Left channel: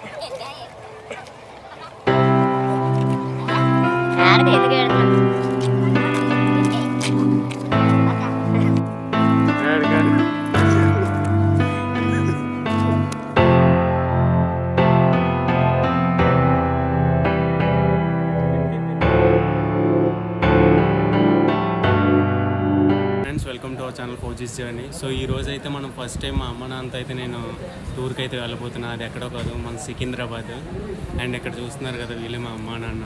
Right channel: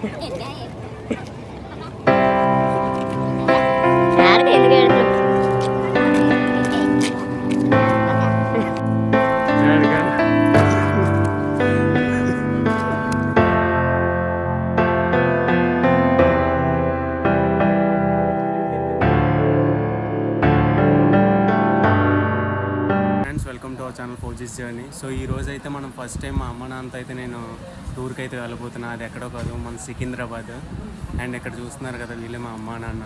Welcome to our channel ఫోర్జీస్ journey. So ఈ రోజు అయితే మనం ఫస్ట్ టైం మా అమ్మ నాన్నతో అయితే నేను టూర్కి అయితే వెళ్ళబోతున్నా. అది ఎక్కడో కాదు, మన సికింద్రాబాద్. అండ్ ఇక్కడ చూస్తున్నారు కదా, వీళ్ళే మా అమ్మ నాన్న.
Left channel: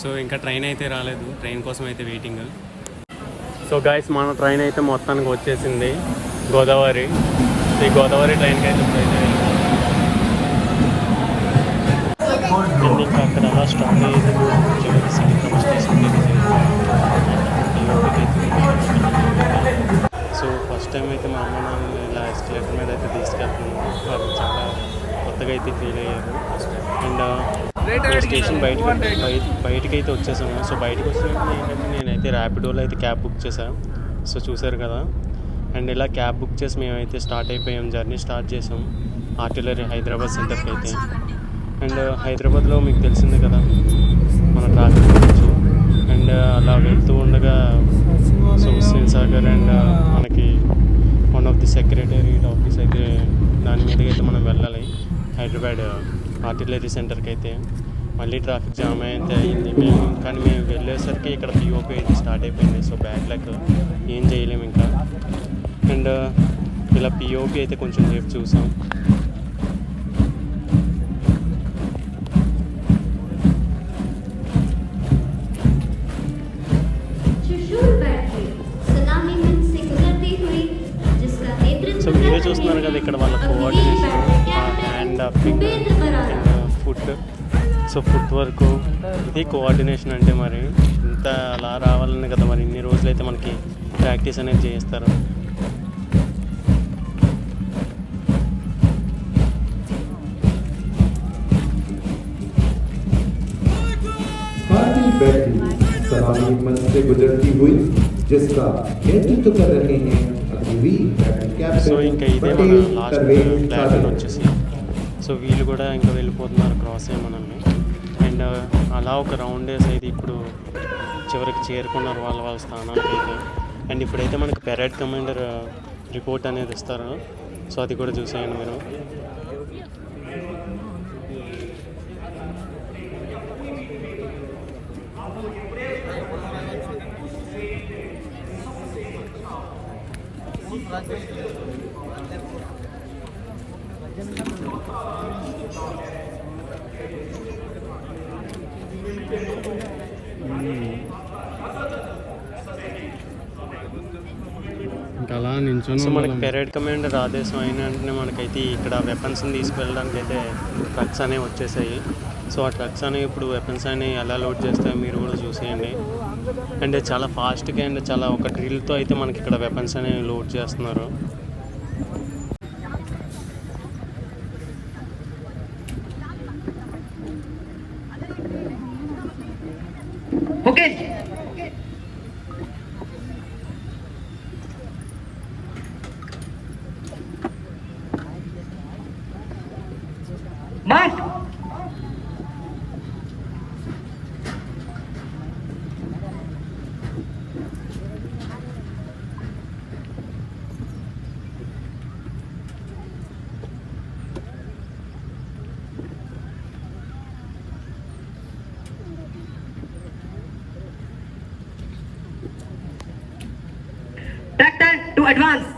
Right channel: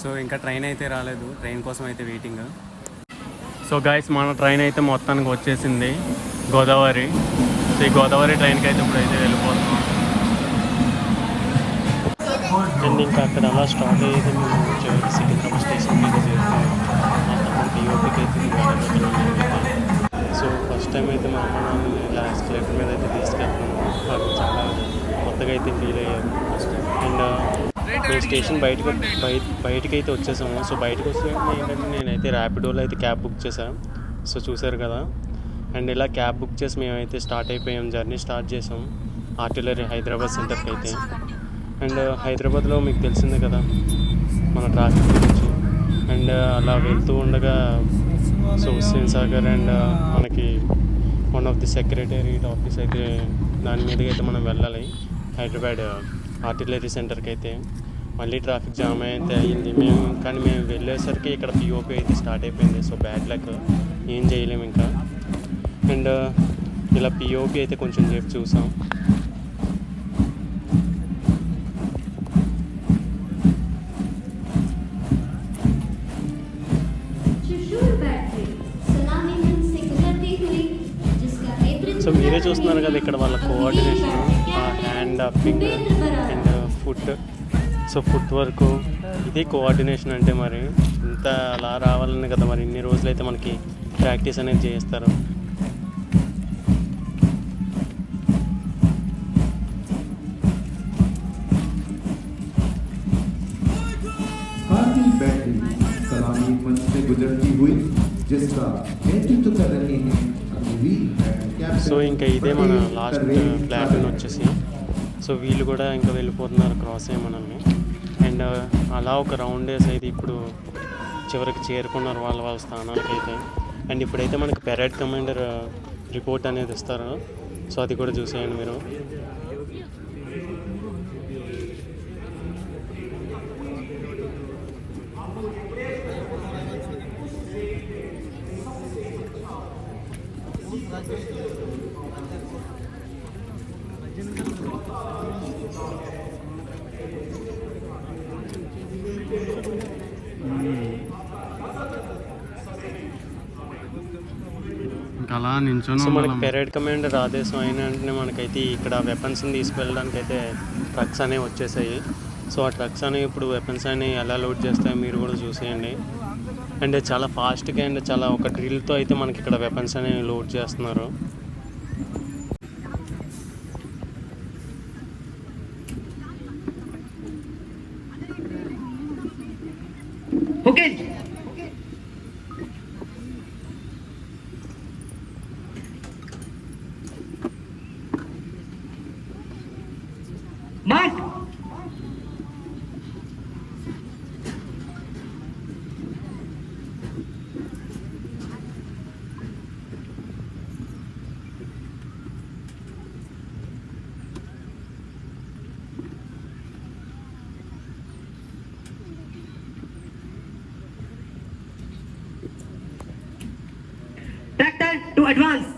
సో ఇంకా ట్రైన్ అయితే రాలేదు, ట్రైన్ కోసం అయితే వెయిటింగ్. సో గైస్, మన ట్రైన్ అయితే మొత్తానికి వచ్చేసింది గోదావరి. ఈ గోదావరి ట్రైన్కి అయితే ఇప్పుడైతే వెళ్ళిపోతున్నాం. అండ్ ఇంకా అక్కడ అలా స్టార్ట్ అయ్యేది మేము చివరికి సికింద్రాబాద్ స్టేషన్కి అయితే చేస్తాం. పిఓపికి అయితే వెళ్ళబోతున్నాం మేమైతే. సో ఫస్ట్ టైం అయితే మా అమ్మ నాన్న ఇలా ఎస్కలేటర్ మీద అయితే తీసుకెళ్తున్నాను. వాళ్ళు చాలా కొత్తగా అయితే ఫీల్ అయ్యారు. అండ్ మేము స్టేషన్ బయటకి అయితే వచ్చేసాము. సో బయటకు వచ్చినప్పుడు ఏంటంటే నేనైతే ర్యాపిడోలో అయితే క్యాబ్ బుక్ చేశాను. సో చూసారు కదా. అండ్ ఇలా క్యాబ్ బుక్ చేసి మేమైతే స్టార్ట్ అయిపోయాం, జర్నీ స్టార్ట్ చేసాం ఆర్టిలరీ హైదరాబాద్ సెంటర్కి అయితే. అండ్ హైదరాబాద్లో మీకు తెలిసిందే కదా మన ట్రాఫిక్ గురించి. అండ్ అలా వెళ్తూ ఉండగా సో హుస్సేన్ సాగర్ అండ్ మనకి one of the secretariat office అయితే దాని మీదకి అయితే మనం వెళ్ళాలి, హైదరాబాద్ ఆర్టిలరీ సెంటర్కి అయితే. మళ్ళీ ట్రాఫిక్ జామ్ అయితే అయ్యింది. మేము వెళ్ళేసరికి ఇక్కడ పిఓపి అయితే స్టార్ట్ అయిపోయింది. సో బ్యాడ్ లక్, ఏం చేయలేము ఇంకా. అండ్ ఇలా పిఓపి అయితే కొంచెం సేపు చూసాం. సో మీరే చూస్తున్నారు కదా ఇక్కడ వాళ్ళ coordination, hand upping and foot. So foot వరకు ఇది కోఆర్డినేషన్ అంటే. మరి ఇంత అలా రావాలని కదా మరి ఇన్ని రోజులైతే మనకి ప్రాక్టీస్ అనేది చేస్తారు. సో ఇంకా ఇదే మన లాస్ట్ ప్లాటూన్ వచ్చేసి. సో వీళ్ళు కూడా ఇంకా వెళ్ళిపోతున్నారు క్రాస్ అయ్యి మనల్ని. అండ్ అలా ఒక రౌండ్ వేసి అయితే ఇప్పుడు చివరికి చేరుకున్నారు వాళ్ళ స్థానానికి అయితే. అండ్ ఇప్పుడైతే మనకి పెరేడ్ కమాండర్ రిపోర్ట్ అనేది ఇస్తారు. సో అది కూడా చూసేయండి మీరు. సో మనకి పెరేడ్ కమాండర్ ఆదేశం అయిన వెంటనే మనకైతే ఇక్కడ వెపన్స్ని తీసుకువెళ్ళడానికి అయితే ట్రక్స్ అనేవి వచ్చేసాయి. సో ఆ ట్రక్స్ అనేవి ఇప్పుడు వెపన్స్ అనేవి ఎలా లోడ్ చేస్తాయో మీరు కూడా చూసేయండి. అండ్ చాలా ఫాస్ట్గా అండ్ చాలా ఒక డ్రిల్తో అయితే మనకి ఇక్కడ వెపన్స్ అనేవి లోడ్ చేస్తున్నారు. Okay mark. Tractor to advance.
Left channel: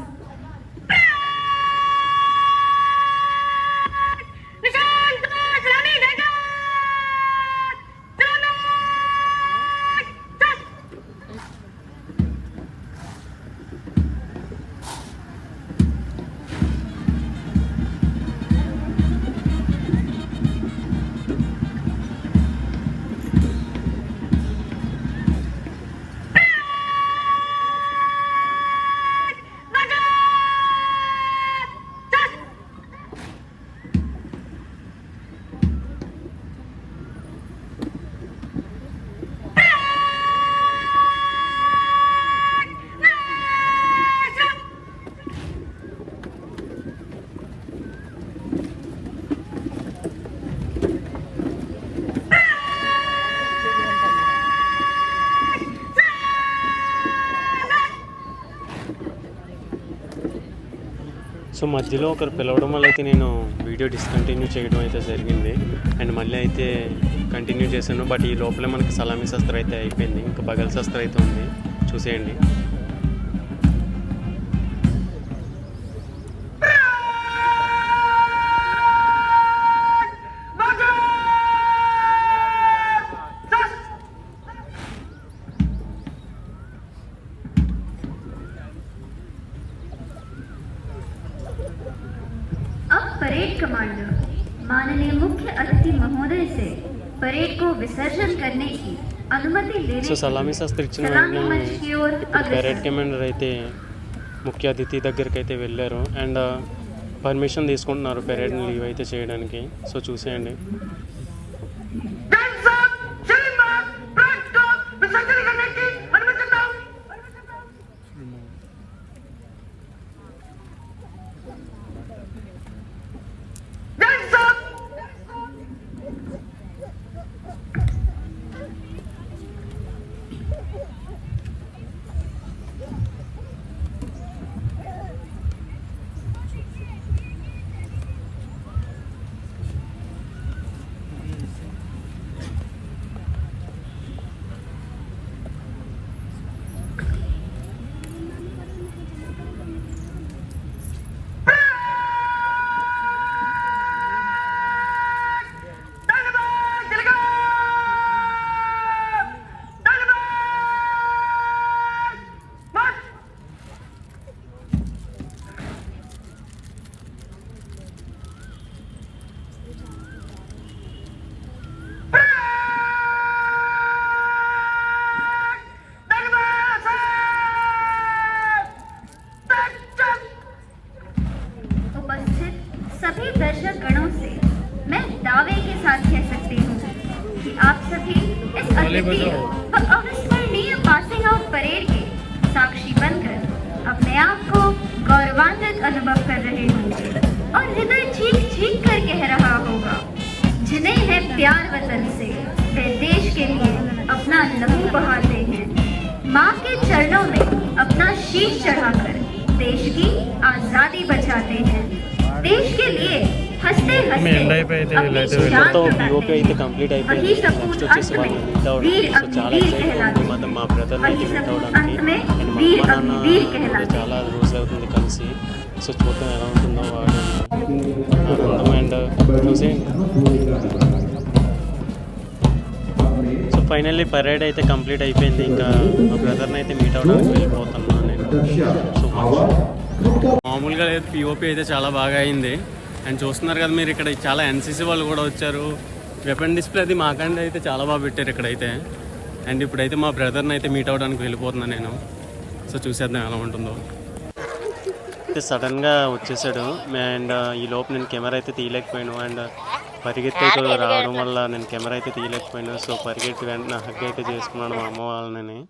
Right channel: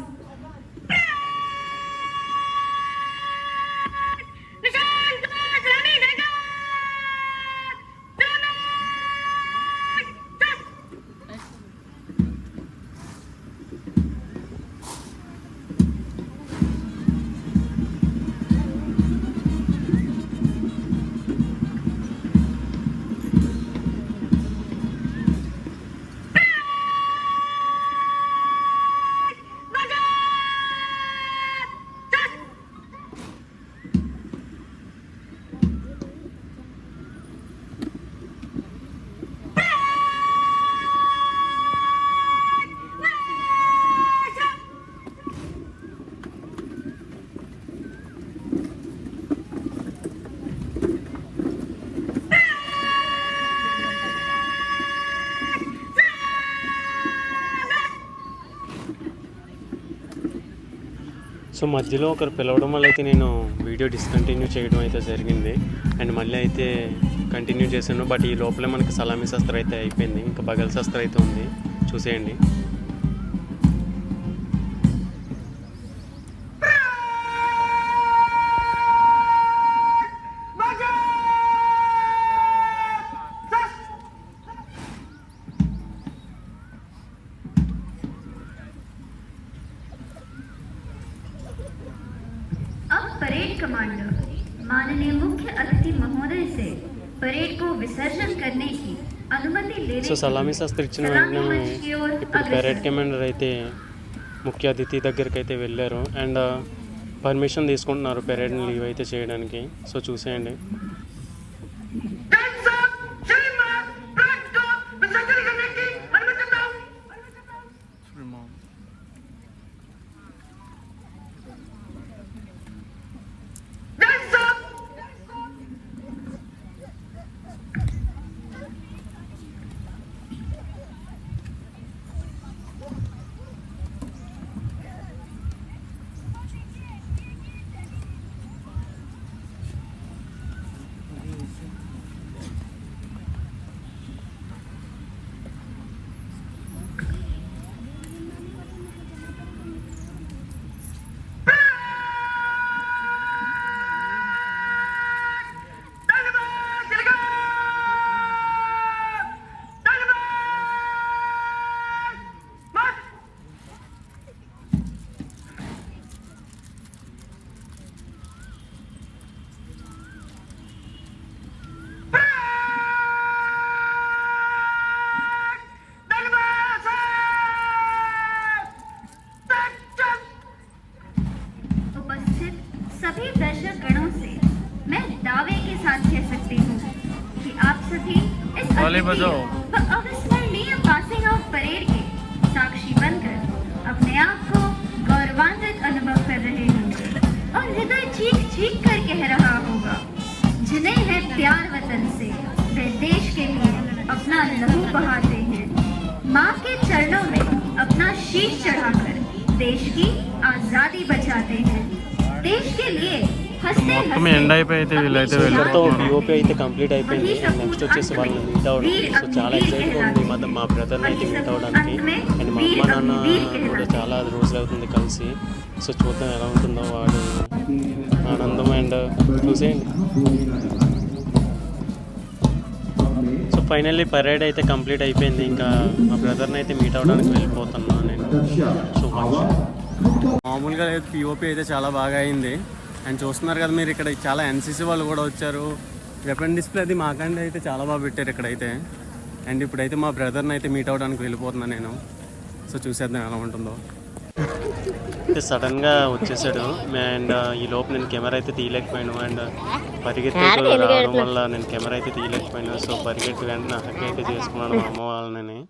So మధ్యలో ఒకరు పిలవడం వల్ల అయితే నేను వీడియో డిస్కంటిన్యూ చేయడం అయితే జరిగింది. అండ్ మళ్ళీ అయితే కంటిన్యూ చేశాను. బట్ ఈ లోపలే మనకి సలామీ శస్త్రం అయితే అయిపోయింది. ఇంకా బగల్ శస్త్రం అయితే ఉంది, చూసేయండి. परेड कमांडर माननीय मुख्य अतिथि महोदय से परेड को विसर्जन करने की अनुमति लेने సో సలామీ శస్త్రం ఇచ్చిన వెంటనే ఇప్పుడు పెరేడ్ కమాండర్ అయితే ముఖ్య అతిథి దగ్గరికి అయితే వెళ్ళారు. అండ్ పర్మిషన్ తీసుకుంటున్నారు పెరేడ్ని లీవ్ అయితే చేయడానికి. సో చూసేయండి. सभी दर्शक गणों से मैं दावे के साथ कह सकती हूँ कि आप सभी इस अविस्मरणीय पासिंग ऑफ परेड के साक्षी बनकर अपने आप को गौरवान्वित अनुभव कर रहे होंगे और हृदय चीख चीख कर कह रहा होगा, जिन्हें है प्यार वतन से वे देश के लिए अपना लहू बहाते हैं, माँ के चरणों में अपना शीश चढ़ाकर देश की आजादी बचाते हैं, देश के लिए हंसते ఇక్కడతో పిఓపి అయితే కంప్లీట్ అయిపోయింది. నెక్స్ట్ వచ్చేసి వాళ్ళని మీట్ అవ్వడం. సో చాలా ఎక్సైట్గా ఉంది మా బ్రదర్ని అయితే మీట్ అవ్వడానికి. అండ్ మా అమ్మ నాన్న కూడా చాలా రోజులు అవుతుంది కలిసి. సో చూద్దాం ఎలా ఉంటుందో వాడు ఆనందం. అండ్ చూసేయండి. సో ఫైనల్లీ పరేడ్ అయితే కంప్లీట్ అయిపోయింది. ఇంకా మా బ్రదర్ని అయితే మీట్ అవ్వడానికి వెళ్ళిపోతున్నాను నేను. సో మచ్ మామూలుగా లేదు, పిఓపి అయితే చాలా బాగా అయింది. అండ్ చూస్తున్నారు కదా మీరు, ఇక్కడ చాలా ఎన్సీసీ వాళ్ళు కూడా వచ్చారు. వెపన్ డిస్ప్లే అది మాకండి అయితే చాలా బాగా పెట్టారు ఇక్కడైతే. అండ్ ఇప్పుడైతే మా బ్రదర్ని అయితే మీట్ అవ్వడానికి వెళ్ళిపోతున్నాను నేను. సో చూసేద్దాం ఎలా ఉంటుందో. అయితే సడన్గా వచ్చేసాడు. అండ్ ఈ లోపు నేను కెమెరా అయితే తీయలేకపోయాను. అండ్ పరిగెత్తి అయితే రావడం వల్ల నేను కెమెరా అయితే తీయలేకపోయాను. సో పరిగెత్తి వెంటనే హగ్ అయితే చేసుకున్నాడు మా అమ్మ వాళ్ళని.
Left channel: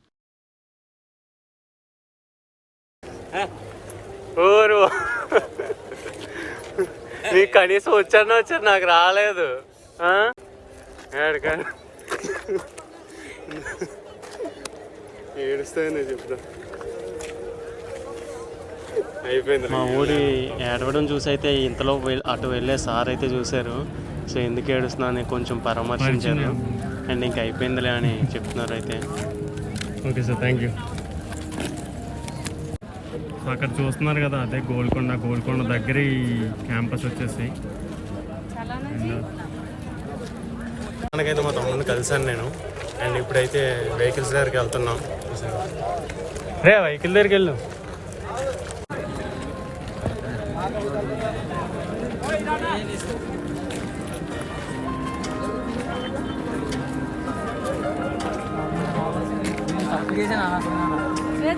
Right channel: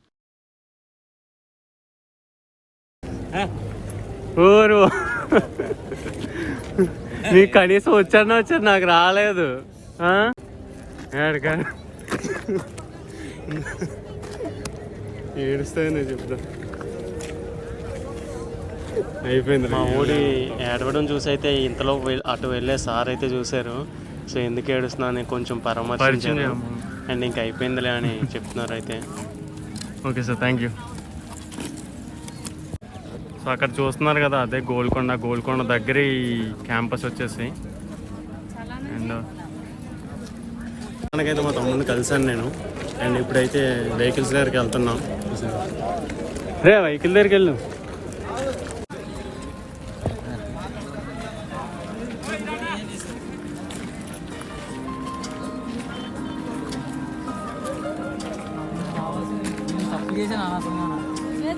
ఊరు నీకు కనీసం వచ్చాను నాకు రాలేదు. అయిపోయింది. మా ఓడి ఏడవడం చూసి అయితే ఇంతలో అటు వెళ్ళే సార్ అయితే చూశారు. సో ఎందుకు ఏడుస్తున్నా అని కొంచెం పరామర్శించారు. అండ్ ఇంక అయిపోయిందిలే అని చెప్తున్నారు అయితే. Okay sir, thank you. So అక్కడ చూస్తున్నారు కదా, అదే గోల్కొండ దగ్గర ఈ క్యాంపస్ వచ్చేసి. అండ్ మనకైతే మా తమ్ముడిని కలిసాను నేను. అండ్ ఇప్పుడైతే వెహికల్స్ దగ్గరికి వెళ్తున్నాం. వెహికల్ దగ్గరికి వెళ్ళు.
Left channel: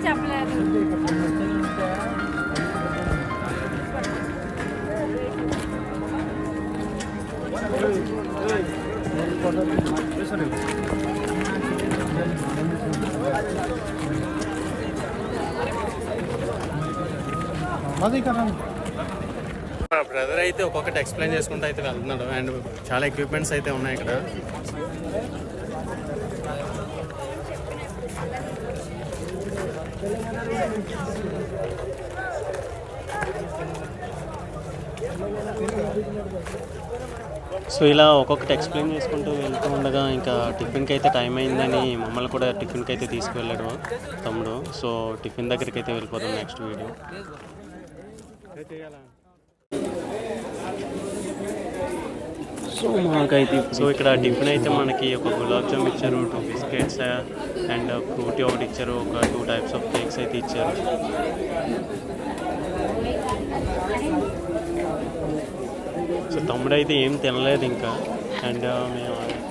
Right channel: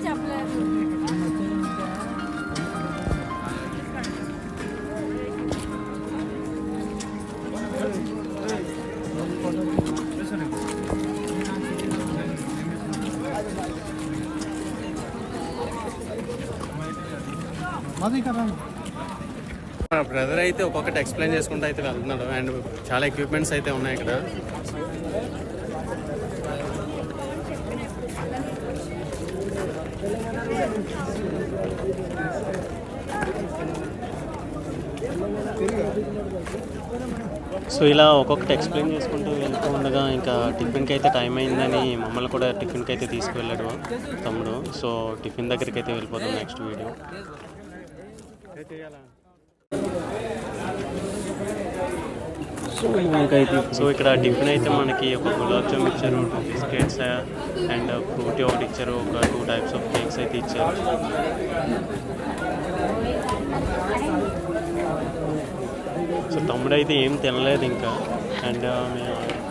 చెప్పలేదు. బ్రదర్ అయితే ఒక్కొక్కటి ఎక్స్ప్లెయిన్ చేసుకుంటూ అయితే వెళ్తున్నాడు. అండ్ చాలా ఎక్విప్మెంట్స్ అయితే ఉన్నాయి ఇక్కడ. సో ఇలా ఒక్కొక్కటి ఎక్స్ప్లెయిన్ చేసుకుంటూ వెళ్తూ ఉండగా ఇంకా టిఫిన్కి అయితే టైం అయిందని మమ్మల్ని కూడా టిఫిన్కి అయితే తీసుకువెళ్ళాడు తమ్ముడు. సో టిఫిన్ దగ్గరికి అయితే వెళ్ళిపోతాం నెక్స్ట్ వీడియో. సో ఇక్కడ టిఫిన్ అయితే మనకి ఒక గులాబ్ జామ్ ఇచ్చారు, 2 బిస్కెట్స్ అండ్ ఫ్రూటీ ఒకటి ఇచ్చారు, ఒక 2 టైప్స్ ఆఫ్ కేక్స్ అయితే ఇచ్చారు. సో తమ్ముడు అయితే ఏం తినలేదు ఇంకా. అండ్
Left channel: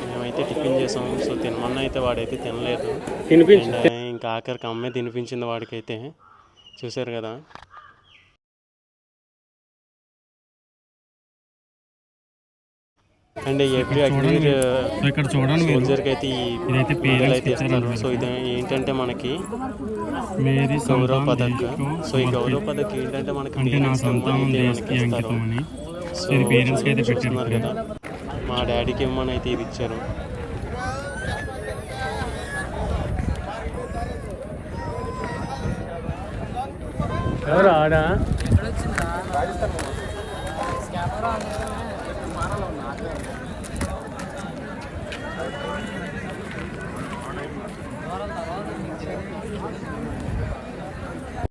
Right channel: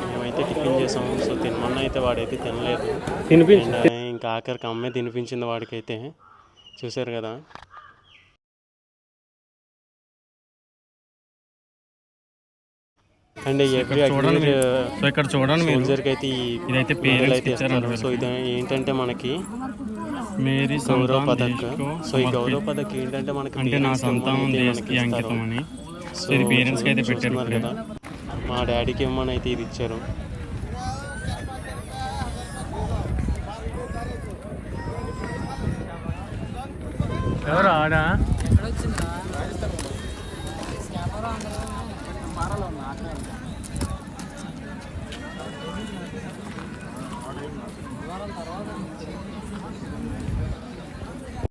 మేమైతే టిఫిన్ చేసాం. సో తినమన్నా అయితే వాడైతే తినలేదు. అండ్ ఇంకా ఆఖరికి అమ్మే తినిపించింది వాడికైతే. చూసారు కదా. అండ్ ఎవ్రీ అగ్రీర్ సోల్జర్కి అయితే ఈ మెడల్ అయితే ఇస్తారు. సో ఇది ఏంటంటే మనకి గౌరవ పథక్. సో ఈ గౌరవ పథక్ ఏంటంటే మనకి పేరెంట్స్కి ఇవ్వమని అయితే మనకి ఇస్తారు. సో చూస్తున్నారు కదా, మా డాడీకి ఇవ్వమని అయితే ఇది ఇచ్చారు.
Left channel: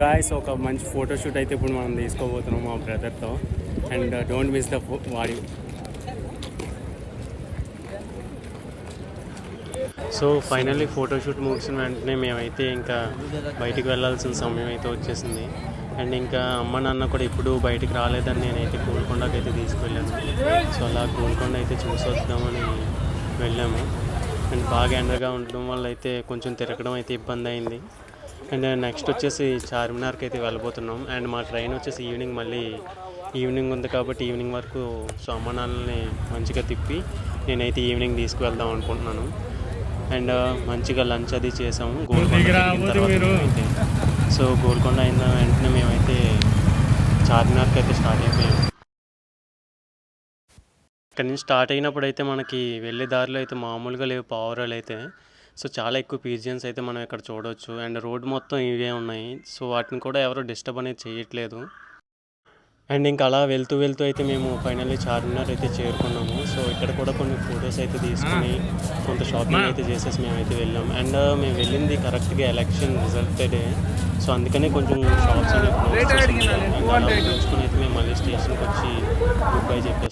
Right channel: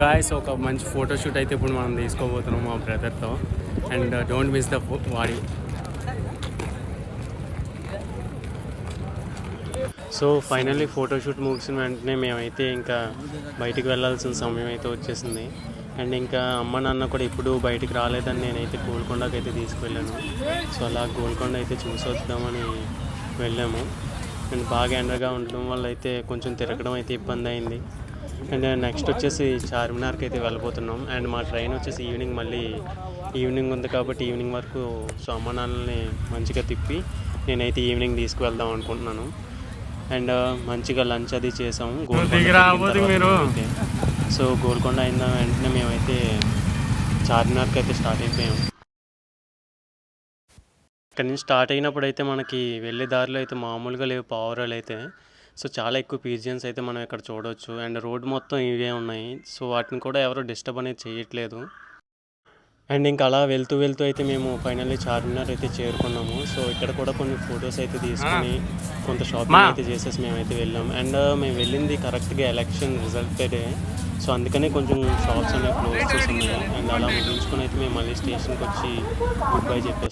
గాయ్స్, ఒక మంచి ఫోటోషూట్ అయితే ఇప్పుడు మనం తీసుకోబోతున్నాం మా బ్రదర్తో. అండ్ డోంట్ మిస్ ద వాడి. సో ఫైనల్లీ ఫోటోషూట్ ముగిసిన వెంటనే మేమైతే ఇంకా బయటికి వెళ్ళాల్సిన సమయం అయితే వచ్చేసింది. అండ్ ఇంకా అమ్మ నాన్న కూడా ఇప్పుడు బయటికి రాలేదని నేనైతే గోల్కొండకి అయితే తీసుకువెళ్ళాను. సో అలా గోల్కొండ అయితే చూసొద్దామని వెళ్ళాము. అండ్ బాగా ఎండగా ఉండడం వల్ల అయితే కొంచెం తిరగడం అయితే ఇబ్బంది అయింది. అండ్ నెక్స్ట్ వచ్చేసి చార్మినార్కి అయితే వెళ్ళబోతున్నాం. అండ్ మా ట్రైన్ వచ్చేసి ఈవినింగ్ ఉంది కాబట్టి ఈవినింగ్ వరకు సో అమ్మ నాన్నల్ని మంచిగా తిప్పి నేనైతే ఈవినింగ్ తీసుకువెళ్దాం అనుకుంటున్నాను. అండ్ మంచిగా లంచ్ అది చేసాము గోల్కొండ అయితే. సో గోల్కొండ అయిన వెంటనే మేమైతే చార్మినార్కి అయితే స్టార్ట్ అయిపోయాము. ఇక్కడ నుంచి స్టార్ట్ అయినప్పుడు అయితే మనకి వెళ్ళే దారిలో అయితే మామూలుగా లేవు పావురాలు అయితే. సో చాలా ఎక్కువ పీజియన్స్ అయితే మనం ఇక్కడ చూడవచ్చు. అండ్ రోడ్ మొత్తం ఇవే ఉన్నాయి. సో వాటిని కూడా ఎవరు డిస్టర్బ్ అనేది చేయట్లేదు. అండ్ ఇంకా అలా వెళ్తూ అయితే మేము ఫైనల్లీ చార్మినార్ అయితే చేరుకున్నాము. సో ఇక్కడ కూడా కొన్ని ఫొటోస్ అయితే తీసుకుని కొంత షాపింగ్ అయితే చేసేసి మేమైతే వెళ్ళాము. అండ్ మేము వెళ్ళింది కరెక్ట్గా ఎలక్షన్ రిజల్టెడే. సో అందుకనే కొంచెం షాప్స్ అనేవి క్లోజ్ చేసి ఉన్నాయి. అండ్ అలా ముగించుకొని అయితే మేము మళ్ళీ స్టేషన్కి వచ్చి గుడ్ బై చెప్పేసి